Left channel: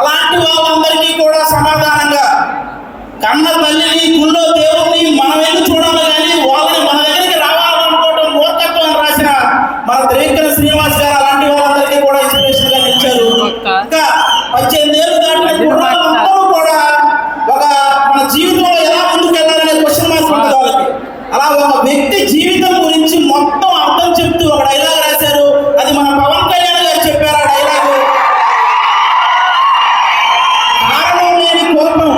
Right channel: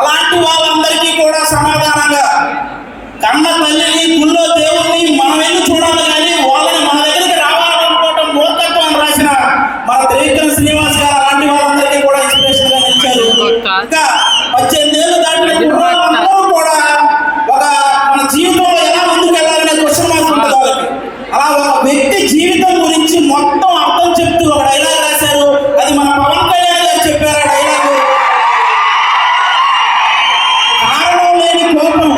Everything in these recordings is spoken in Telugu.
అలాంటి వాళ్ళందరికీ కూడా సమాధానంగా కన్న తల్లిని గుళ్ళో దేవుడిని మనం వెళ్ళి చూడాలి కానీ వాళ్ళని మన దగ్గరికి రావాలనుకోవడం మూర్ఖత్వం రాసిన మన త్రివిక్రమ శ్రీనివాస్ గారు అలాంటి వాళ్ళందరికీ కూడా ఇన్స్పిరేషన్ గా ఇచ్చారు. ఇంకా 18 ఏళ్ళు దాటిన అందరూ కూడా ఒక మన జీవితంలో ఎలా ముందుకు వెళ్ళాలనే క్వశ్చన్ మార్క్ ఉంటుంది వాళ్ళకి. అలా ఒక వ్యక్తి జీవితం గురించి మొత్తం అర్థం చెప్తూ ఒక డైలాగ్ రాశారు. అది మన పవన్ కళ్యాణ్ గారు చెప్పారు. ఆ డైలాగ్ కారణం లేని కోపం,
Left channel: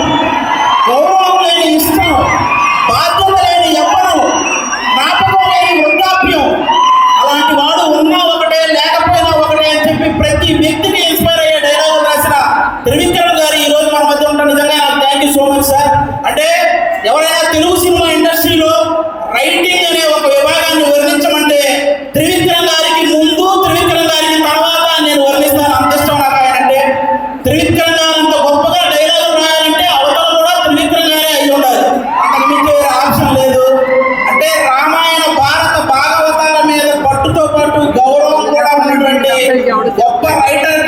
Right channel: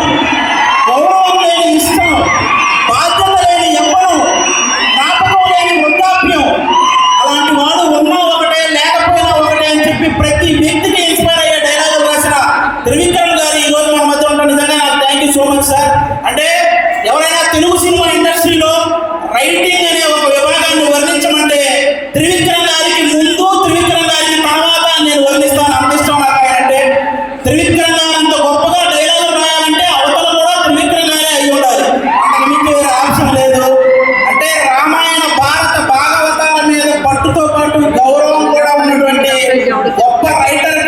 గౌరవం లేని ఇష్టం, బాధ్యత లేని యవ్వనం, జ్ఞాపకం లేని వృద్ధాప్యం, అలాంటి వాడు ఉన్నా ఒకటే లేకపోయినా ఒకటే అని చెప్పి ప్రతి వ్యక్తికి ఇన్స్పైర్ అయ్యే డైలాగ్ రాసిన త్రివిక్రమ్ గారు ఈ రోజు మన మధ్య ఉంటారు. నిజంగా నాకు thank you so much sir. అంటే ఎవరైనా తెలుగు సినిమా ఇండస్ట్రీలో రైటింగ్ అనే ఒక విభాగాన్ని వర్ణించమంటే త్రివిక్రమ్ గారికి ముందు, త్రివిక్రమ్ గారికి తర్వాత నేను వర్ణిస్తాను. అంత ఇష్టం నాకు ఆయన అంటే. త్రివిక్రమ్ గారు అంత గొప్పగా డైలాగులు రాయాలంటే అవతల కూడా త్రివిక్రమ్ గారే అయి ఉండాలి. అంతకు మించి వేరే ఆప్షన్ లేదు. అంటే రామాయణ భారత భాగవతాల మీద పట్టుతో పాటు గౌరవం కూడా ఉన్నటువంటి గొప్ప రైటర్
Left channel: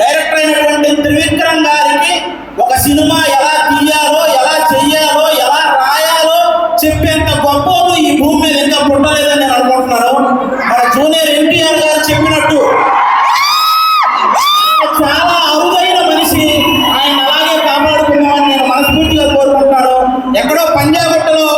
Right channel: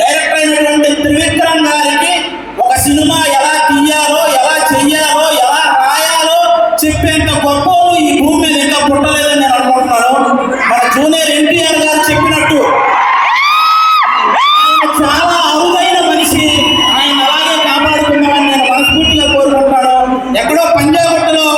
డైరెక్టర్ అయినటువంటి త్రివిక్రమ్ గారికి ఒక సినిమా ఎలా తీయాలో, ఎలా చెయ్యాలో, ఎలా రాయాలో చెప్పేంత గొప్పలు ఈ భూమి మీద ఇంకా పుట్టలేదని నేను అనుకుంటున్నాను. మన జూనియర్ ఎన్టీఆర్ గారు చెప్పినట్టు చాలా అరుదైన మనిషి. ఆయన అలాగే కాపాడుకుందామని నేను మనస్ఫూర్తిగా కోరుకుంటున్నాను. ఎక్కడో పంజాగుట్టలో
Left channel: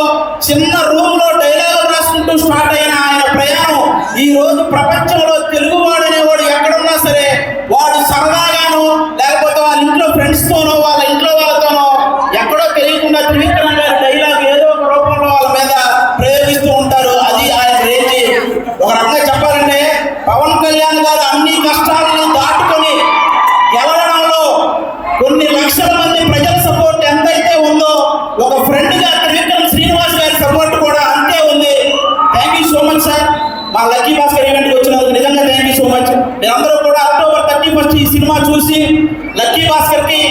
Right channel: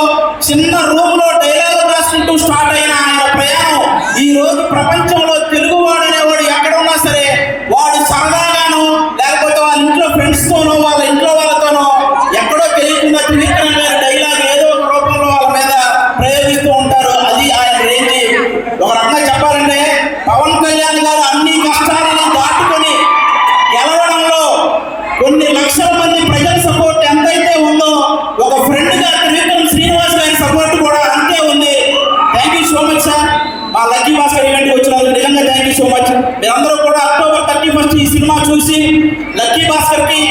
చిన్న రూమ్ లో డైలాగులు రాసుకుంటూ స్టార్ట్ అయిన ఆయన ప్రయాణం ఈ రోజు ప్రపంచంలో తెలుగువాడు అనేవాడు ఎక్కడున్నా సరే వాడు సరదాగానో లేకపోతే వాళ్ళ ఇంట్లో ఫ్రెండ్స్ తోనో వాళ్ళ ఇంట్లో వాళ్ళతోనో ఎక్కడో తెలియకుండా త్రివిక్రమ్ గారి డైలాగ్ ఏదో ఒక రూపంలో వాళ్ళ మీద ప్రయోగిస్తూ ఉంటారు. అది ఆయన రేంజ్. ఒక రకంగా చెప్పాలంటే పవన్ కళ్యాణ్ గారు అన్ని కష్టాలను దాటుకొని గెలవడంలో కొన్ని లక్షల మంది ప్రజల సపోర్ట్ ఎంతైతే ఉందో ఒక ఫ్రెండ్ గా త్రివిక్రమ శ్రీనివాస్ గారి సపోర్ట్ కూడా అంతే ఉంది. Thank you so much sir. మా లక్కీ భాస్కర్ ఈవెంట్కి వచ్చినందుకు నిజంగా థ్యాంక్ యూ సో మచ్. మీరందరూ కూడా అక్టోబర్ 31 ఈ సినిమా చూసి లక్కీ భాస్కర్కి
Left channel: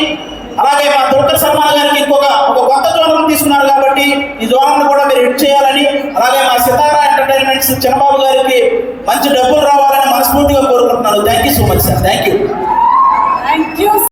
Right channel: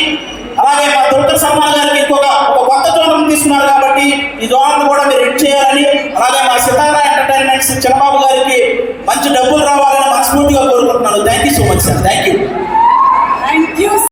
అలాగే మా దుర్గర్ సల్మాన్ గారికి ఒక కొత్త జోనం తీసుకున్నారు కాబట్టి ఈ జోనాన్ని కూడా మీరు హిట్ చేయాలని, అలాగే మా సితారా ఎంటర్టైన్మెంట్స్ చిన్నబాబు గారికి మంచి డబ్బులు రావాలని మనస్ఫూర్తిగా కోరుకుంటున్నాను. Thank you so much sir. Thank you.